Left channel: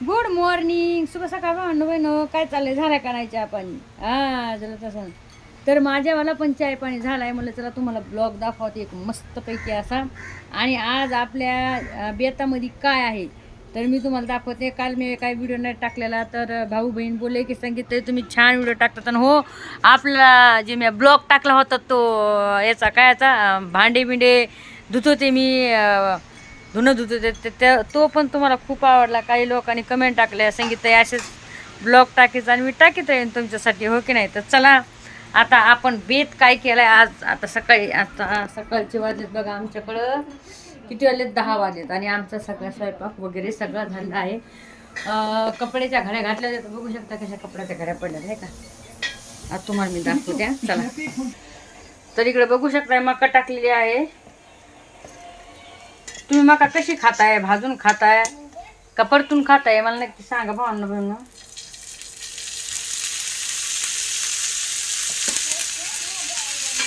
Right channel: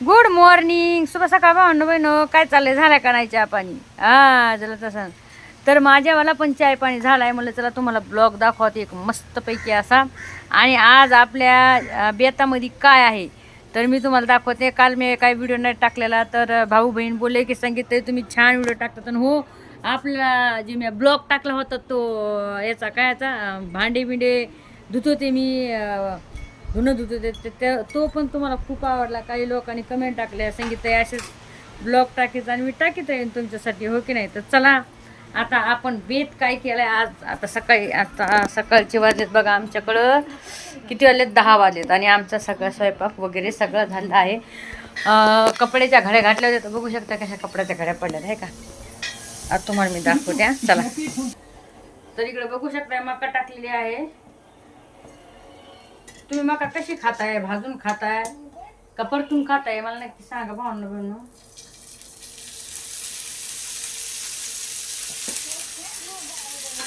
Good morning, शुभ सकाळ भावंड बहिणो. काय चाललंय, झालं का नाही चहा पाणी? झालं तसं. तर माझ्यावाला पण चाय पाणी झाला आहे. म्हणलं चला तुम्हाला ब्लॉग दाखवते एक मस्तपैकी असा. आणि आज आपल्या बेतामध्ये काय आहे तर मी तुम्हाला दाखवते. काल मी काही व्हिडिओ नाही टाकलेला, तर भाऊ बहीण बोलले की सांगितलं तुम्ही छान व्हिडिओ टाकतात. आणि हो, आपला जे मी ब्लॉग टाकला होता तो याचा काय याचा भांडे बिंडे धुत होते मी, धुणं धुत होते तो पण तुम्हाला खूप आवडला. काही लोकांनी कमेंट टाकल्या, सांगितलं असेच ब्लॉग टाकायचं आणि मी टाकीत राहीन तुमच्यासाठी, हो की नाही. तर चला आता आपण बेत काय केलं आहे आज. आता सकाळचे वाजलेत बघा आमच्याकडं किती वाजलेत, 10 वाजलेत. आणि आमचा सगळा स्वयंपाक वगैरे सगळं झालं आहे. कपड्याच्या घड्या घातल्या होत्या, तर बघू शकता कशा कपड्याच्या घड्या पडल्यात आहे का. आता तुम्हाला मी दाखवते चला. तर इकडे बघू शकता मका टाकलेली आहे. तुम्ही मका कशी खाताय, भाजून खाताय का परतून खाताय, मला नक्की सांगा भावना बहिण.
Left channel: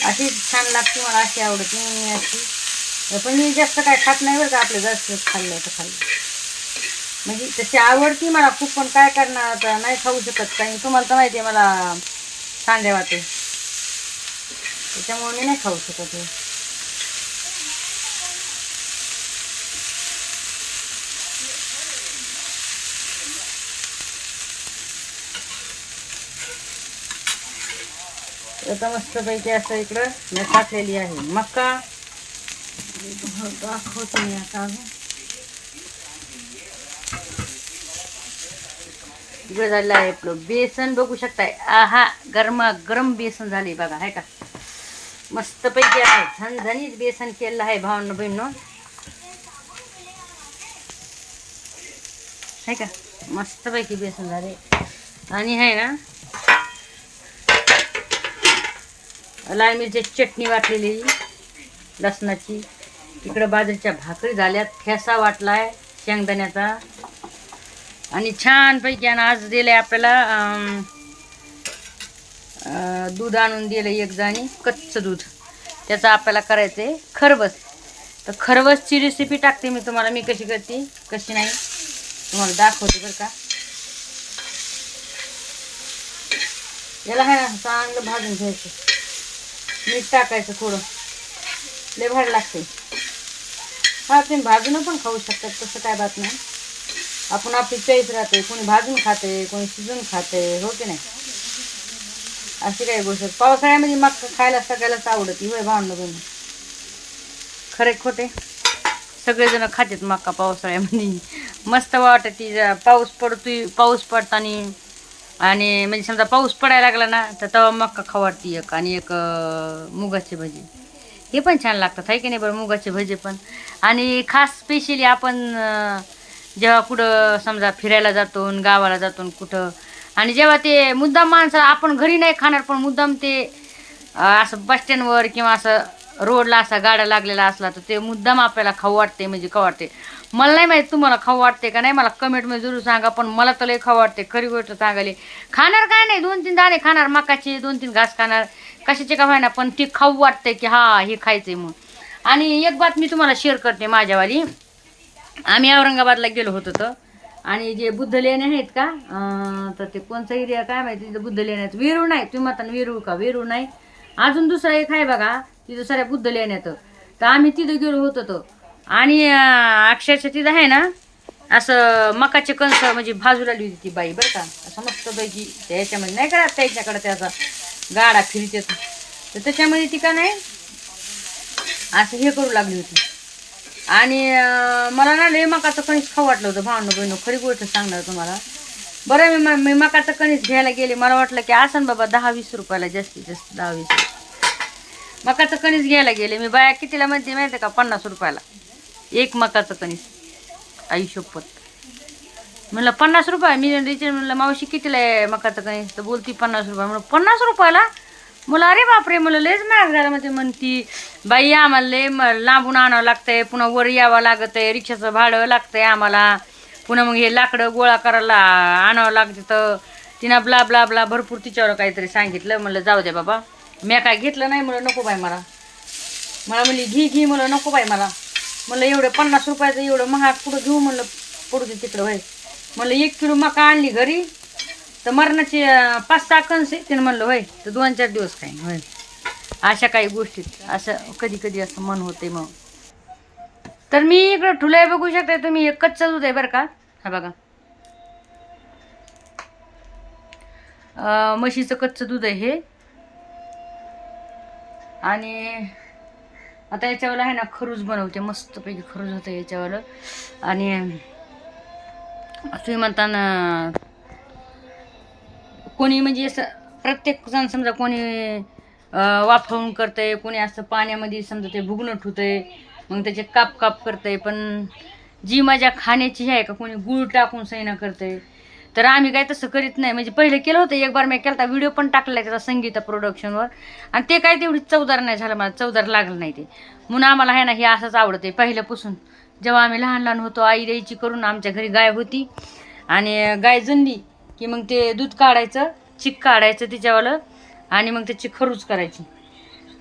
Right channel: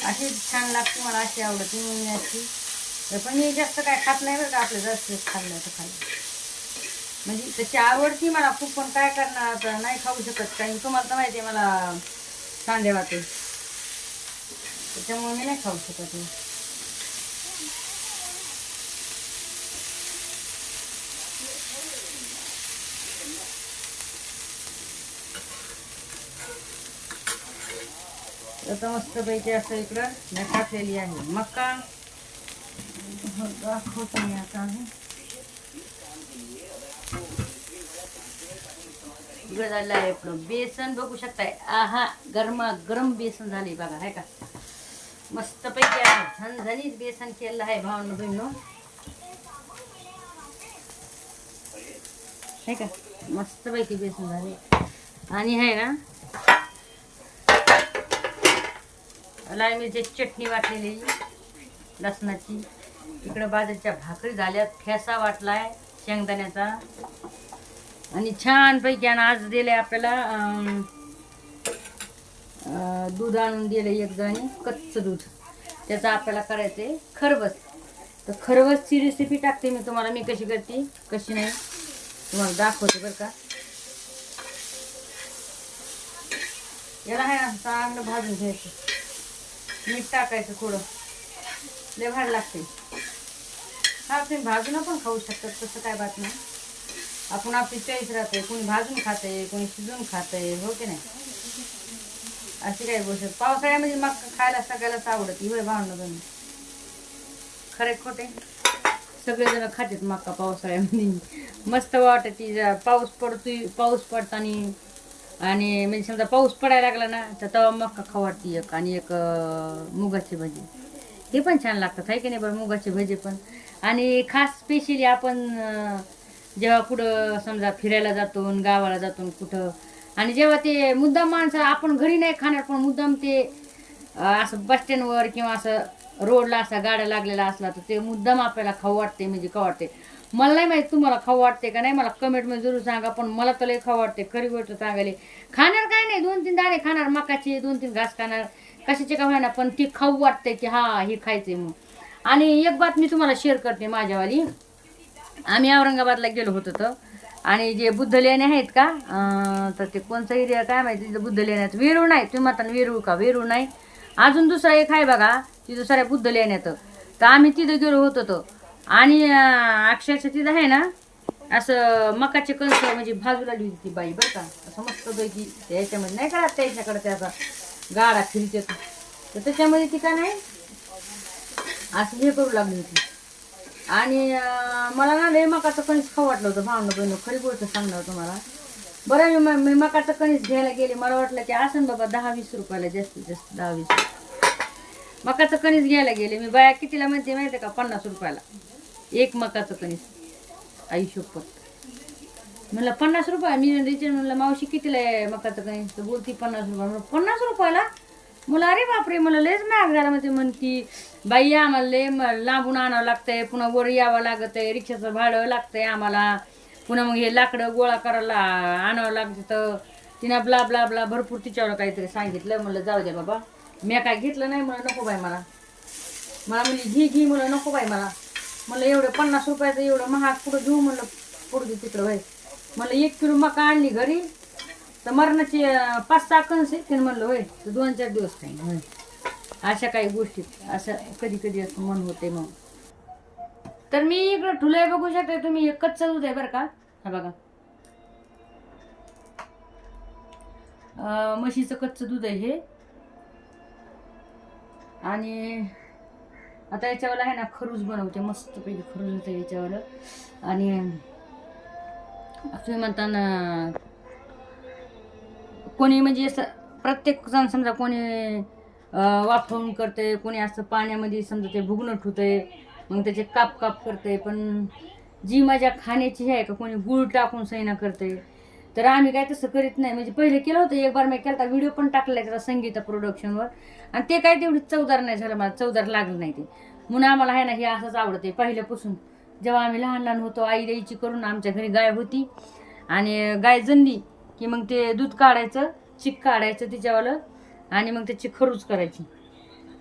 अशी छान लागते मला, अशी आवडते मी अशी. पण मी जास्त काय खात नाही बरं का, आपलं जास्त खाल्लं तर खाल्लं म्हणजे तशी आवडती मला खूप. पण काय करणार आता, नाही खाऊ शकत काही. तुम्हाला तर माहिती आहे मला सांध्या वाटे, त्याच्यामुळे मी नाही खाऊ शकत. आता मस्तपैकी असं इकडं मी टाकलेली आहे मका. दाखवते मी आता. इकडे झालेलं आहे आपलं बेसन, बघू शकताय. आहा, गरमा गरम बेसन झाले बघा, आहे का. मस्तपैकी आहे, झणझणीत बेसन केलेलं आहे भावांनो बहिणीनो, आहे का. मस्तपैकी बेसन झाले. आणि आहे ना लाल मिरची चटणी वाटलेली लसणाची. इकडं बाजरीच्या भाकरी झाल्यात, ठेसा वाटलाय शेंगदाण्याचा. आणि छानपैकी आणि आज दिलंय आपल्याला दूध आणून दिलं एक जाणी, कच्चं दूध. त्याचं आपल्याला करायचं आहे खरबस. तर खरबसची रेसिपी टाकते मी तुम्हाला, मी कशी करते कशी नाही तुम्हाला दाखवते बरं का. याला आहे ना चांगलं भाजून घ्यायचं, मीठ टाकायचं थोडं, लय भारी लागते. हा तुम्ही भाजून पण खाऊ शकतात, तसं काय बात नाही. आपण आपली चॉईस राहते, कोणी भाजून खाते, कोणी शिजून खाते, हो की नाही. अशी काही गोष्ट पावसाळ्यामध्ये मग खायला सगळ्यालाच आवडते, होय भावना बहिणी. खरे खोटे सगळेजण खातात मका पावसाळ्यामध्ये. मस्त वाटते. पाऊस पडतोय, पाऊस पडताना आणि म्हणजे समजा पाऊस पडायला लागला ना, तर तेव्हा मका खाऊ वाटते एक. आणि एक मुगाची भजी, हे पण छान लागतात, आहे की नाही बरं, मुगाचे भजे पण. आणि खास स्पेशली आपण जेव्हा कुठं समजा फिरायला जातो, गावाला जातो कुठं, आणि जेव्हा ते मुद्दाम माणसं आपण घरी नाही खाणार, पण मुद्दाम ते असं बस स्टँडवर किंवा असं रोडला असा गाड्या लागलेला असला, तर ते मुद्दाम आपल्याला खाऊ वाटते. म्हणजे खाऊ वाटते. मला नाही माहीत तुम्हाला खाऊ वाटते का नाही, मला कमेंटमध्ये जरूर सांगा. पण मला तर लय खाऊ वाटते, खरी गोष्ट सांगायला. खाणार काय नाही, 2-3 दाणे खाणार मकाचे, 2-3 घास खाणार, कशाचे का व्हायना, पण ते खाऊ वाटते की हा हे खायचंय म्हणून. आणि एक बात मी तुम्हाला शेअर करते माझ्यावाली. आम्ही औरंगाबादला गेलो होतो तर, आणि जे बुद्ध लेणे आहेत का, तर ते कोणचा एरिया काय माहिती, तिथं बुद्ध लेण्यात वेरूळ नाही. तुम्ही म्हणता वेरूळ का, वेरूळ नाही, अजून दुसरा एक आहे बघा तिथं साऱ्या बुद्ध लेण्यात. तर आम्ही तिथं गेलो होतो तो. आणि अक्षरशः तिथं आहे ना असं मकाचे कणस म्हणजे भाजू लागली होती ती बाई बरं का. असं मस्तपैकी त्याच्यामध्ये नाही का त्याच्याकडे त्याचा गाडा फिरते, तर त्याच्यामध्ये ती का नाही असं हे करू लागली होती. आणि मला ना लय मकाचं कणीस खाऊ वाटलं होतं भावनं बहिणं, खरी गोष्ट सांगणार तुम्हाला. बरं मी मकाचं कणीस घ्यायला गेले, मला वाटलं की असं बाबा 10-20 रुपयाला, जास्तीत जास्त 10-20. मकाचं कणीस घ्यायला गेले मी, बाया कितीला म्हणते माहिती का, 50 रुपयाला एक मकाचं कणीस. आई शपथ, म्हणलं 50 रुपये. मी म्हणलं मावशी कितीला आहे मकाचं कणीस, तर बोलती 50 रुपये. म्हणलं 50 रुपयाला, मला अरे बापरे, मला लयच महाग झाला. म्हणजे म्हणती बाई आम्हाला लय लांबून आणावं लागतंय, पुन्हा वर यावं लागत आहे, रिक्षाचं भाडं लागतंय आम्हाला, पुन्हा मग हे लाकडं गोळा करायला आणावं लागतं. तर तिनं ब्ला ब्ला ब्ला भरपूर तिच्यावर काहीतरी सांगितलं. म्हणलं जाऊ दे बाबा, मी काय घेतलं नाही. म्हणलं नको बाई मला म्हणली घी म्हणलं नको बाई मला. म्हणलं एवढं 50 रुपयाचं एवढं महाग कुठं घेऊ, म्हणलं पडू दे तिकडं बाई. म्हणलं 1 किलो मका आणली घरी तर मरणाची 5-6 कणस आहे. त्यानं म्हणलं होय तर 2-4 दिवस खाईन होय. अशा काही गोष्टीत असं कधी कधी असं मन होते. मग तर मी इकडं ठुलंय बघू शकता तुम्ही. हे कच्चं दूध आहे बरं का. हा बघा म्हशीचं कच्चं दूध आहे हे. आणि आता याच्यावर आहे ना खरूज बनवते मस्तपैकी. खरूज होतं याच्यावर. आणि तुम्ही म्हणता ना कोणी म्हणजे असं प्रत्येक जण समजा कोणी वाफवून करतंय, कोणी असं पाण्यामध्ये समजा ते भुगणं ठुतंय मग त्याचे काप काप करतंय. पण जी मजा खाण्याची आहे का कोणी गूळ टाकून सैना करतंय. तर आम्ही काय तसं करीत नाही. म्हणजे पहिले केलं होतं एक बार मी केला होता व्हिडिओ पण टाकला त्याचा संगीता प्रोडक्शनवर. आणि ते काय तेवढी चवदार नाही झालं. मला चवदार लागलं नाही ते. म्हणून आम्हाला आहे ना हे असंच आवडते पहिल्यापासून. जेव्हा आम्ही लहान लहान होतो आई द्यायची करून. आमच्या घरी गाय होती आणि गाय जनली की मग ते दूध काढायचं, चिक काढायचं तिच्यावालं आणि मग त्याची खरूज करायची.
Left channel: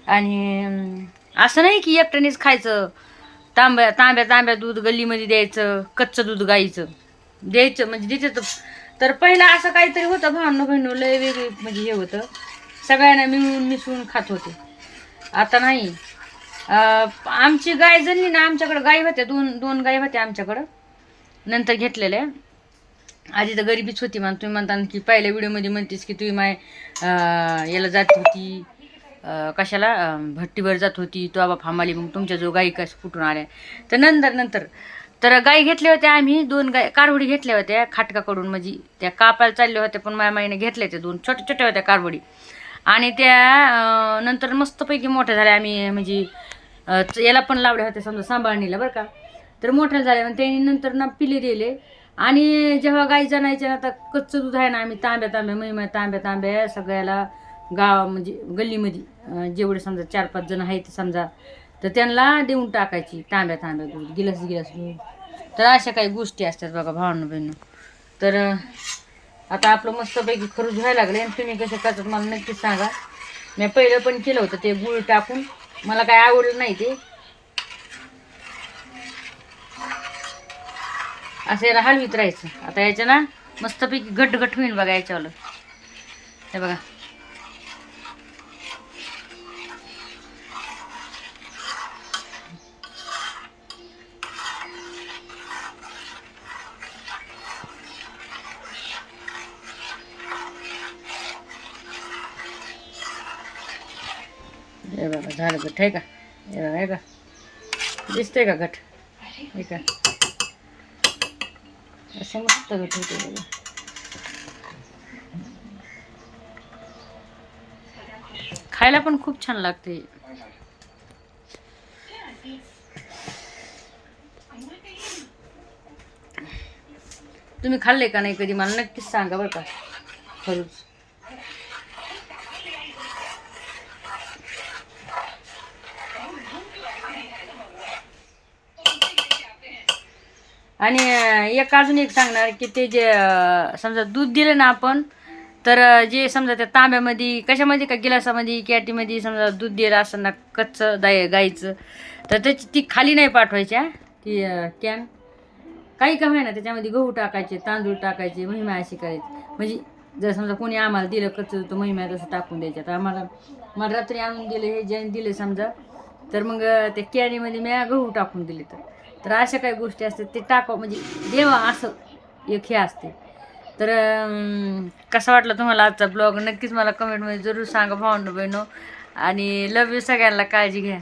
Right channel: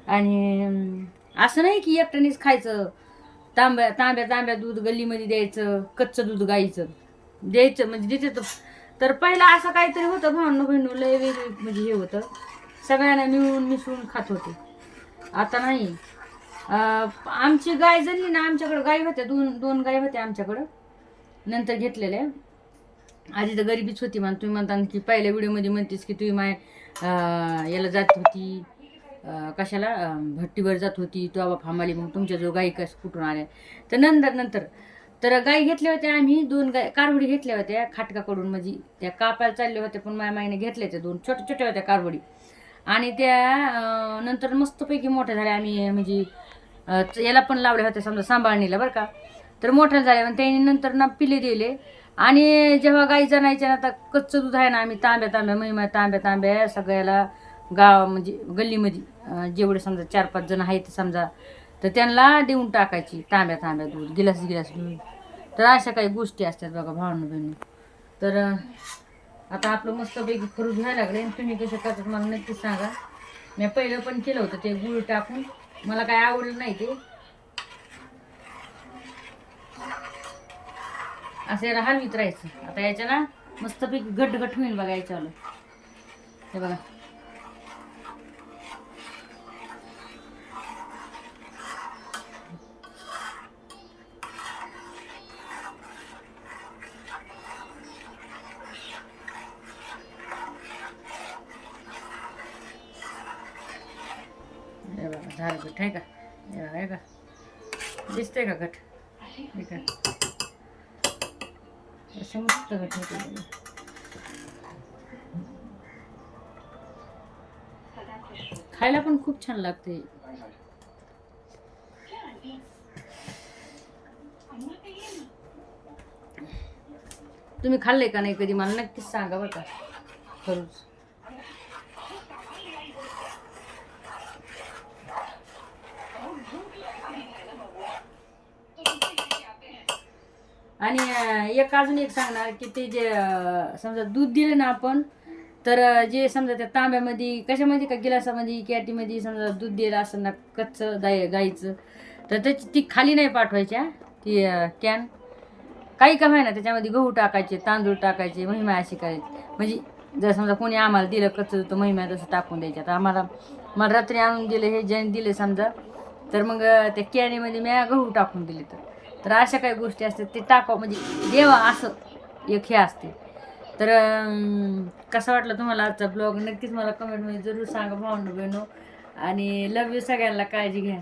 आणि असं नाही की एकट्यानेच खायचं. तांब्या तांब्या तांब्या दूध गल्लीमध्ये द्यायचं. कच्चं दूध गाईचं द्यायचं म्हणजे देते. तर पहिला असं काहीतरी होतं भावनो बहिणू लय वेगळी म्हणजे हे होतं. सगळ्यांना मिळून मिसळून खात होते. आता नाही. आमची गाय जनली ना आमच्याकडं गाई होत्या. दोन गाई होत्या आमच्याकडं. नंतर घेतलेल्या. आधी तर गरिबीच होती. तुम्ही म्हणता की पहिल्या व्हिडिओमध्ये म्हणतेस की तुम्ही याला जात होती कशाला भट्टीवर जात होती तो बाबा फामाली. मग तुमच्या जो गाई कसं कुठून आल्या. तर नंतर तर गाई घेतल्या होत्या आम्ही 2 गाय कारवडी घेतल्या होत्या खाटकाकडून. म्हणजे त्या कापायला चालल्या होत्या पण माझ्या माईने घेतल्या त्या 2 छोट्या छोट्या होत्या कारवडी. आणि त्या नंतर मस्तपैकी मोठ्या झाल्या. आम्ही म्हणजे याला पण लावल्या होत्या समजा सांभाळणीला बरं का. तर मोठ्या झाल्या मग त्यांनी नंतर ना पिले दिले. आणि जेव्हा गाई जणायच्या ना आता कच्चं दूध आहे ना आम्ही तांब्या तांब्या महिमा तांब्या तांब्या सगळ्याला गाव म्हणजे गल्लीमध्ये जेवढे समजा 4-5 जण आहेत समजा तर त्यांना देऊन टाकायची तांब्या तांब्या दूध गिलास दूध. तर अशा काही गोष्टी असतात बघा भावनो बहिणू. तर आता आपलं मस्तपैकी खरूज व्हायला लागले. आणि तुम्ही कसे करतात मला नक्कीच सांगा. मी पहिलं पण केलं होतं ते गुळ टाकून. मला काय आवडलं नाही ते. असं याला हलवीत राहायचं. आता याच्या ना मस्तपैकी घट होईन बघा याच्यावालं. हे बघा हे बघा झालं घट आहे का. हे बघा हे का दिसतंय का घट. हे का असं मस्त घट होते बघा. खायला पण खूप छान लागते. तुम्ही खाल्ले का नाही कधी मला नक्कीच सांगा बरं का. खरूच आणि अजून एक सांगणार की ते जे समजा दूध दिलं ना आपण तर जे समजा त्या तांब्यामध्ये कशामध्ये का गिलासामध्ये कॅटीमध्ये समजा दूध दिलं असं ना कच्चं गाईचं तर त्याची ती खाली नाही पाठवायच्या ती कॅन. काही का ना त्याच्यामध्ये गहू टाकायचे तांदूळ टाकायचे महिमा अशी करायची. म्हणजे जर समजा कोणी आम्हाला दिलं कच्चं तर महिमा तसं टाकून द्यायच्या. तर मला रात्री आणून दिलं हे ज्याने दिले समजा तर मग त्या कॅनीमध्ये मी गहू टाकून दिले. तर अशा काही गोष्टी असतात ते टाकावं म्हणजे देवा असं एक हे असते. तर कसा वाटला तुम्हाला आजचा ब्लॉग नक्कीच मला कमेंटमध्ये जरूर सांगा भावंडो बहिणो. आणि लव यू सगळ्यांना. काळजी घ्या.